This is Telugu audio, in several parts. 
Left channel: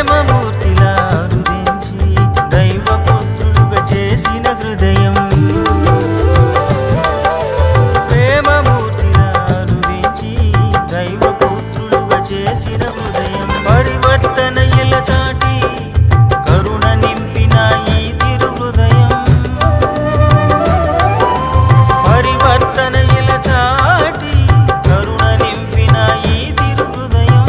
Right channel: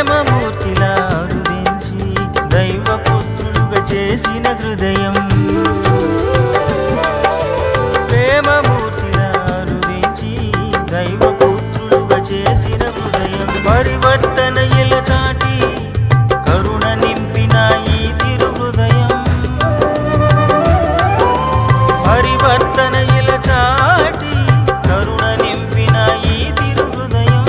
ప్రేమమూర్తిలా రుదించి దైవపుత్రులుగా చేసిన హృదయం, ప్రేమమూర్తిలా రుదించి దైవపుత్రులుగా చేసిన హృదయం, పరివర్తన ఇలా చాటి కరుణ నింపిన ఈ తిరు హృదయం, పరివర్తన ఇలా చాటి కరుణ నింపిన ఈ తిరు హృదయం.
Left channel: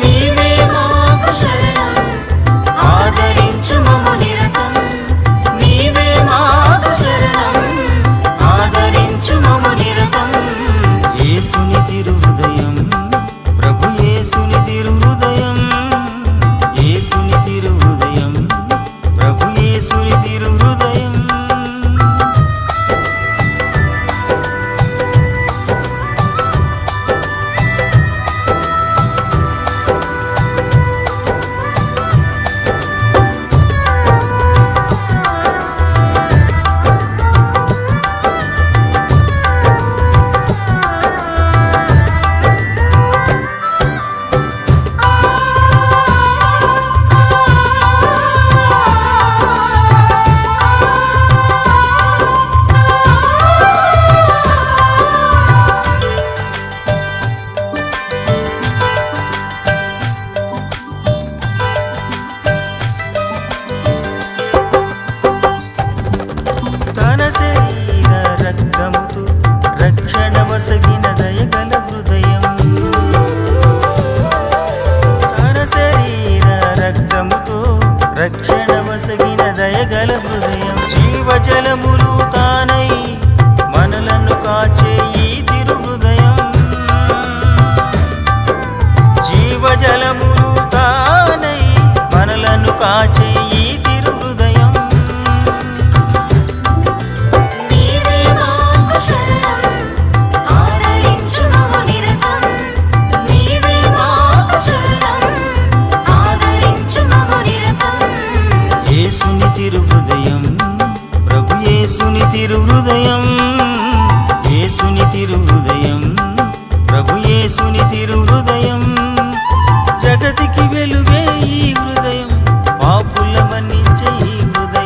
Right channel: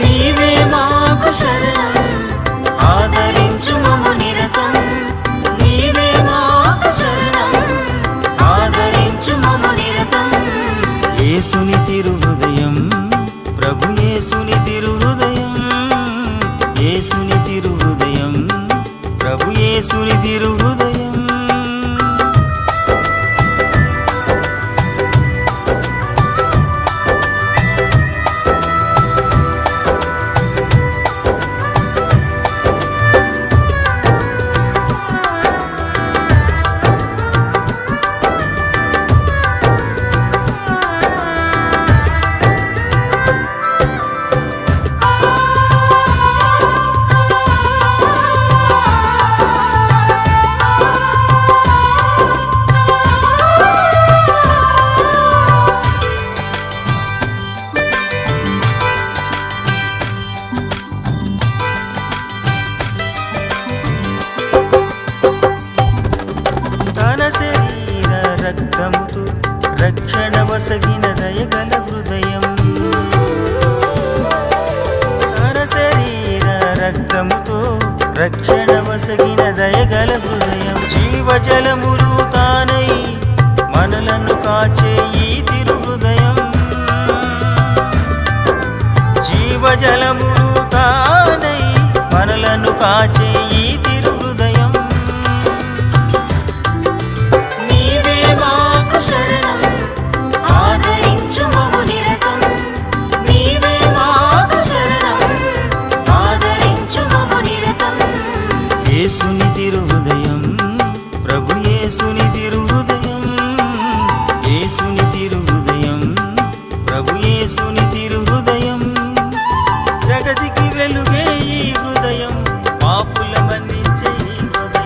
నీవే మాకు శరణం, ఆదరించు మము నిరతం. నీవే మాకు శరణం, ఆదరించు మము నిరతం. యేసుని తిరు హృదయం, ప్రభు యేసుని తిరు హృదయం, యేసుని తిరు హృదయం, ప్రభు యేసుని తిరు హృదయం. తన శరీర రక్తముతో రక్షణ వసగిన దయగల హృదయం, తన శరీర రక్తముతో రక్షణ వసగిన దయగల హృదయం, జీవజలములు తానై మనలను కాచే ఈ తిరు హృదయం, జీవజలములు తానై మనలను కాచే ఈ తిరు హృదయం. నీవే మాకు శరణం, ఆదరించు మము నిరతం. నీవే మాకు శరణం, ఆదరించు మము నిరతం. యేసుని తిరు హృదయం, ప్రభు యేసుని తిరు హృదయం, యేసుని తిరు హృదయం, ప్రభు యేసుని తిరు హృదయం. జగతికి వెలుగే ఈ హృదయం, పాపుల మన్నించే ఈ హృదయం.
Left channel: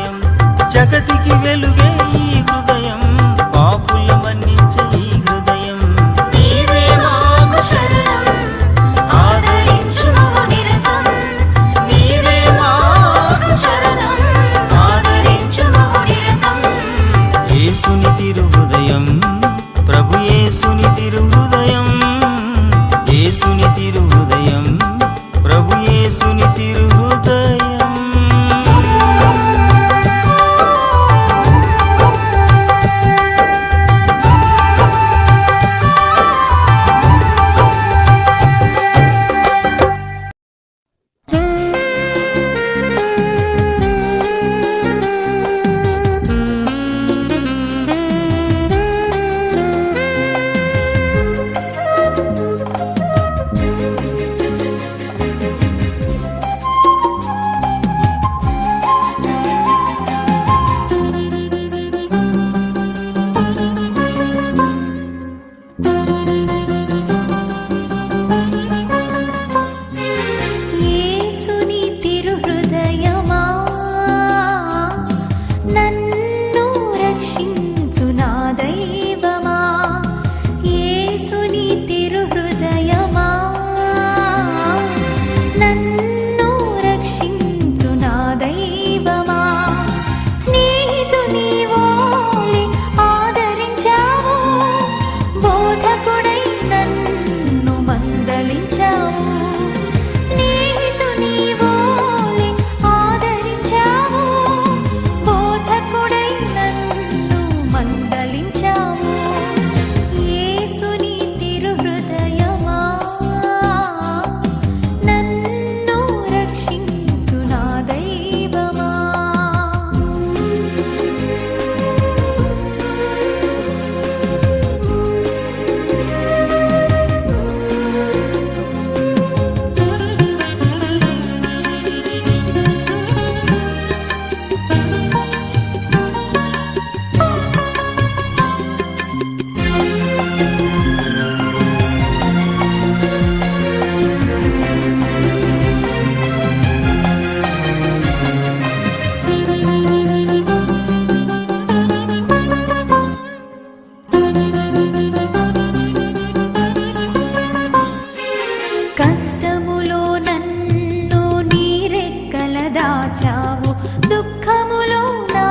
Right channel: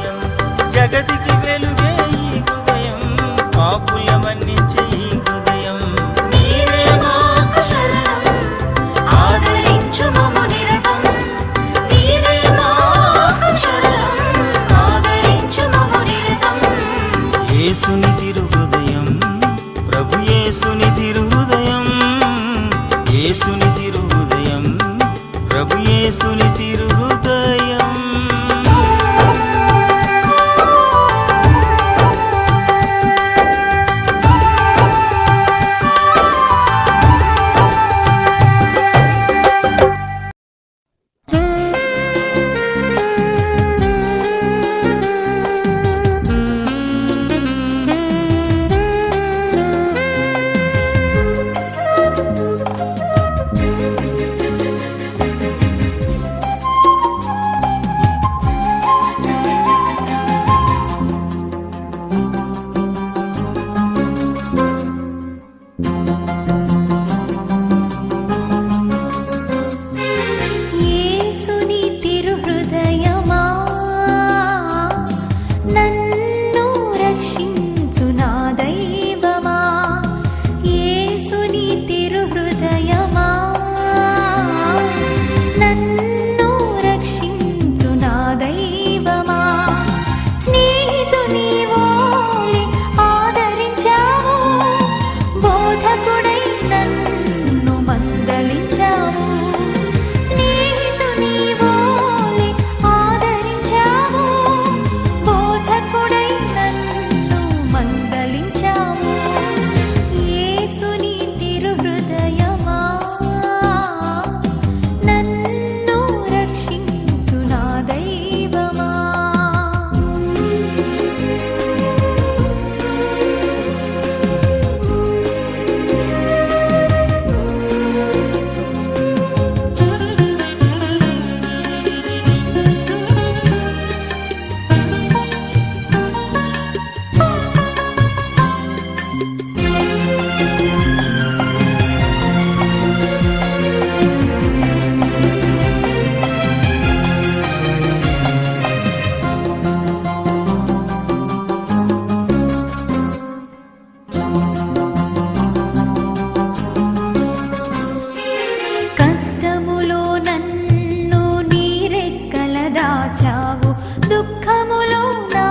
కష్టములో నన్ను నీరెక్కల దాచావు, దుఃఖములో నా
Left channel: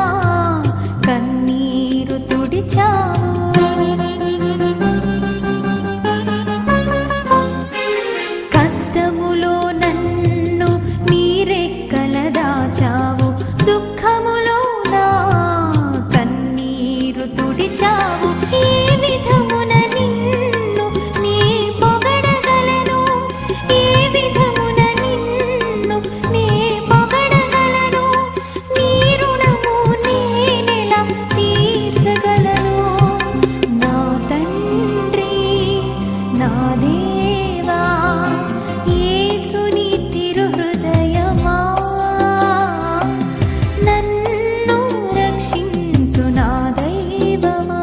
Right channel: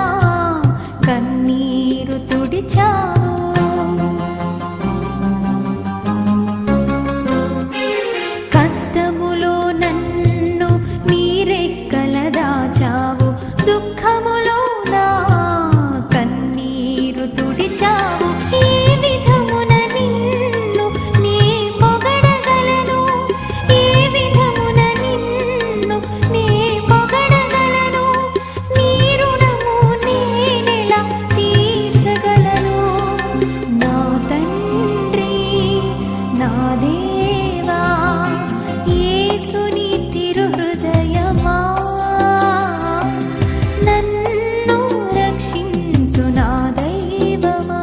కన్నీరు తుడిచావు. కష్టములో నన్ను నీరెక్కల దాచావు, దుఃఖములో నా కన్నీరు తుడిచావు. ఏ విధమున నిన్ను నీ పొగడగలను, ఏ విధమున నిన్ను నీ పొగడగలను, నీ రుణము నేనెలా తీర్చగలను. నా తండ్రి నా దేవా యేసుని తిరుహృదయమా, నన్ను రక్షించు నా దైవమా.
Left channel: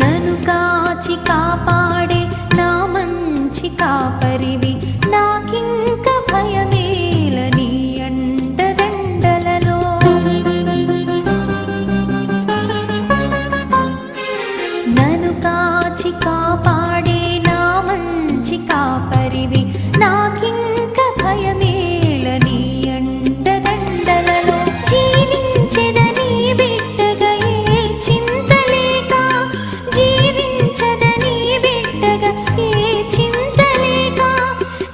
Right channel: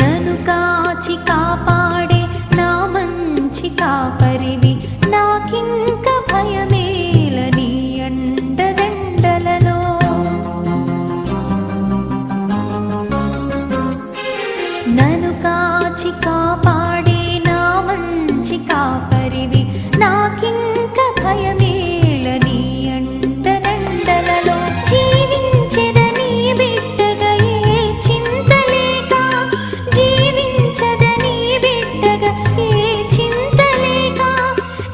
నన్ను కాచి కాపాడే నా మంచి కాపరివి, నాకింక భయమేల నీ అండదండలలో. నన్ను కాచి కాపాడే నా మంచి కాపరివి, నాకింక భయమేల నీ అండదండలలో. జీవించెదని బిడ్డగా ఏ చింత లేక, జీవించదని బిడ్డగా ఏ చింత లేక,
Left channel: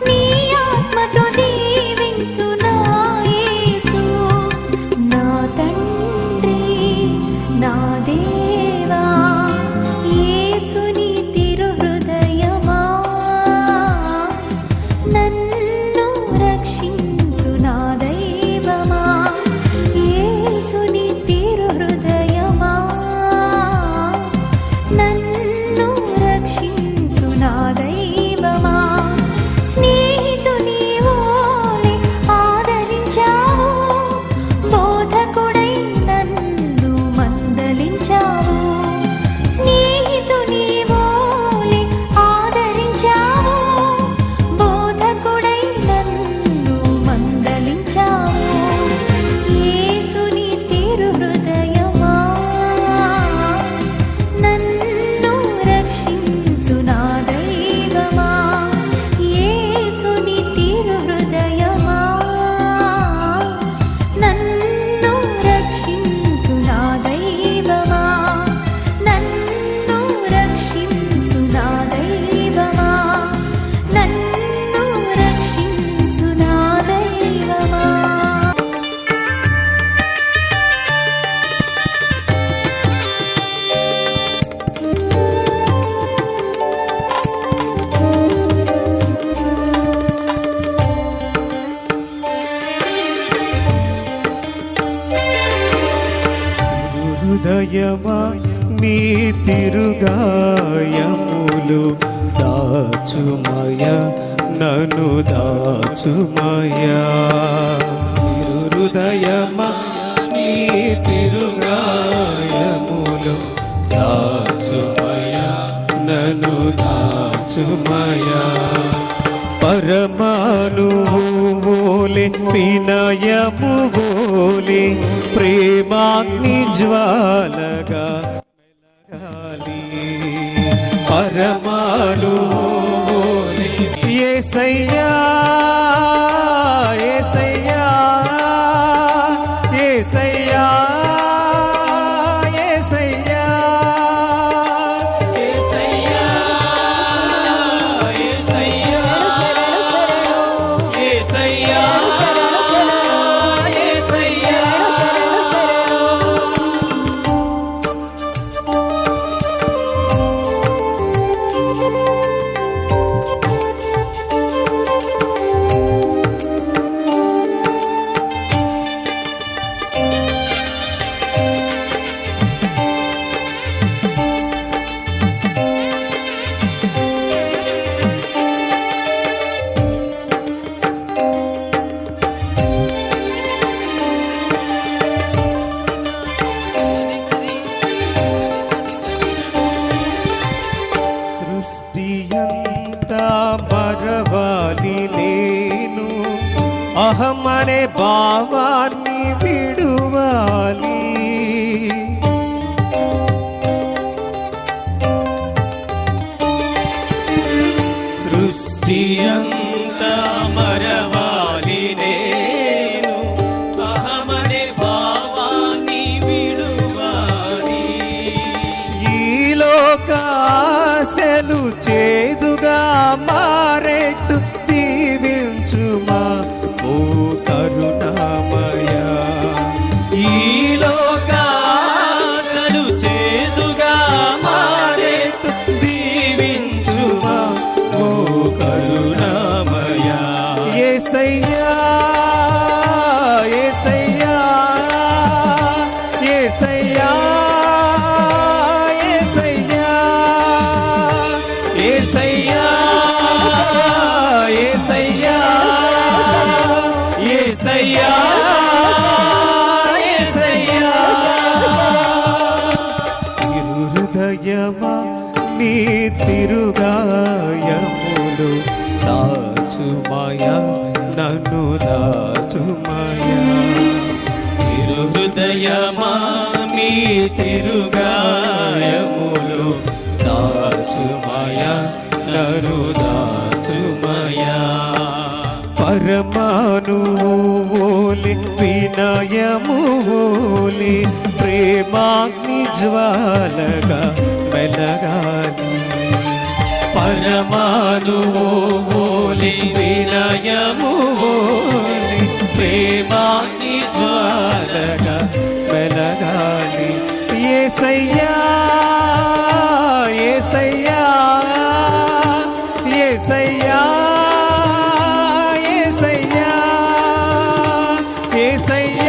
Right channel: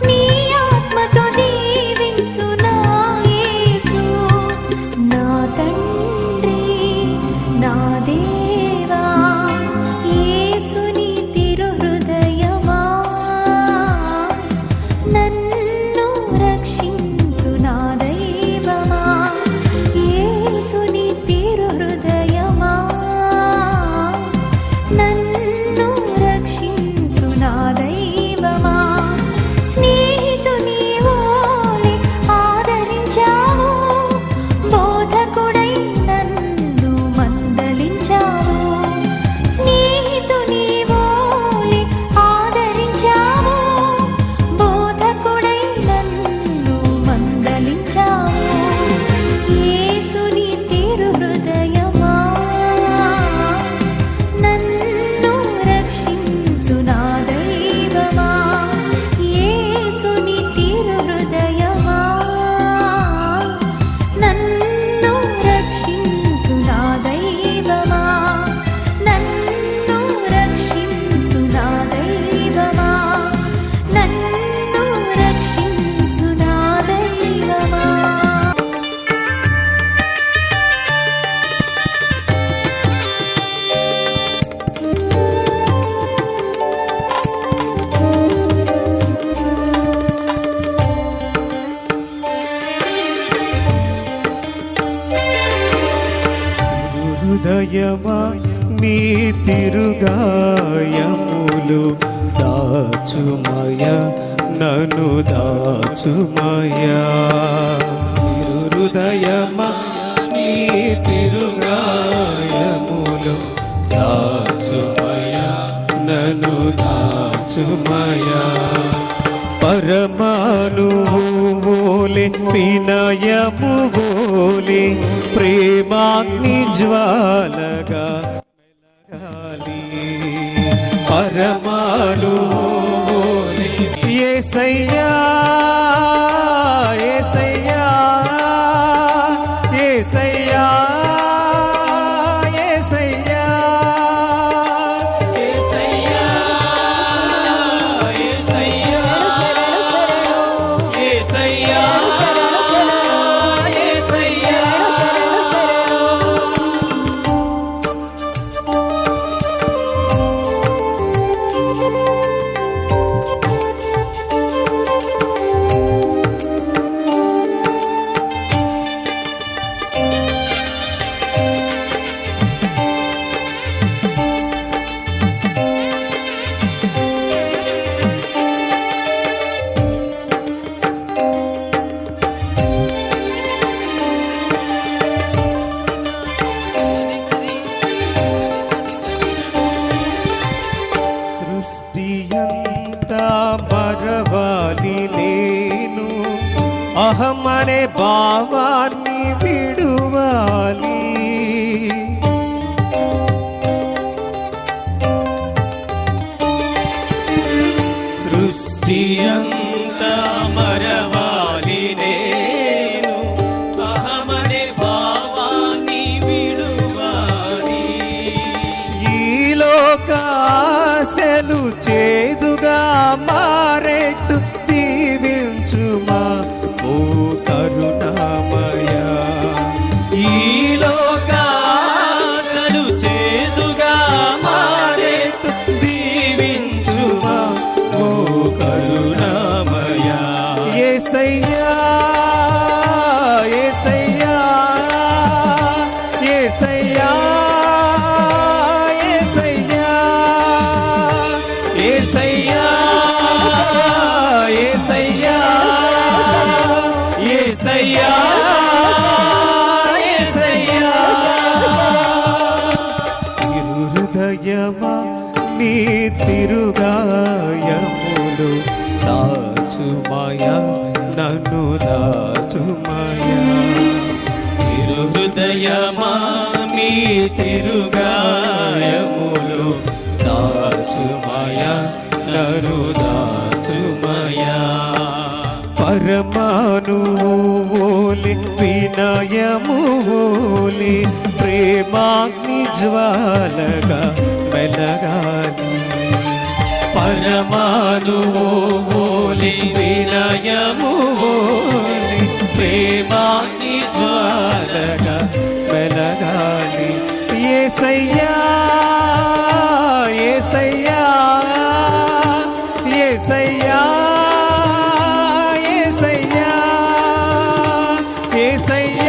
నీ ఆత్మతో దీవించు నా యేసు. నా తండ్రి నా దేవా యేసుని తిరుహృదయమా, నన్ను రక్షించు నా దైవమా. యేసుని తిరుహృదయమా, నన్ను రక్షించు నా దైవమా. స్నేహితుని వోలే ఆదరించావు, బోధకుడై నన్ను మందలించావు. స్నేహితుని వోలే ఆదరించావు, బోధకుడై నన్ను మందలించావు. యేసుని తిరుహృదయమా, నన్ను రక్షించు నా దైవమా. యేసుని తిరుహృదయమా, నన్ను రక్షించు నా దైవమా. నన్ను రక్షించు నా దైవమా, నన్ను రక్షించు నా దైవమా. హృదయమా నీ తిరుగాయములు దాచుమయ, నన్ను దాచుమయ. హృదయమా నీ తిరుగాయములు దాచుమయ, నన్ను దాచుమయ. పరమానుభూలే వినయము వోలే ప్రేమాగ్ని జ్వాలగా మెలగాలి. పరమానుభూలే యేసయ్యా యేసయ్యా యేసయ్యా యేసయ్యా యేసయ్యా యేసయ్యా యేసయ్యా యేసయ్యా. భావాన్ని విడువాలి. సృష్టి అంతా మరవాలి నేను అహమనే భావాన్ని విడువాలి. ఈ లోకాశలు చేదుగా మారెట్టు దీవించుమా ఓ కరుణామయ. ఈ లోకాసలు చేదుగా మారేట్టు దీవించుమా ఓ కరుణామయ. యేసయ్యా యేసయ్యా యేసయ్యా యేసయ్యా యేసయ్యా యేసయ్యా యేసయ్యా యేసయ్యా. హృదయమా నీ తిరుగాయములు దాచుమయ నన్ను దాచుమయ. హృదయమా మీ తిరుగాయములు దాచుమయ నరు దాచుమయ. పరమానువోలి వినయమువోలి ప్రేమాగ్ని జ్వాలగా వెలగాలి. పరమానువోలి వినయమువోలి ప్రేమాగ్ని జ్వాలగా వెలగాలి. యేసయ్యా యేసయ్యా యేసయ్యా యేసయ్యా యేసయ్యా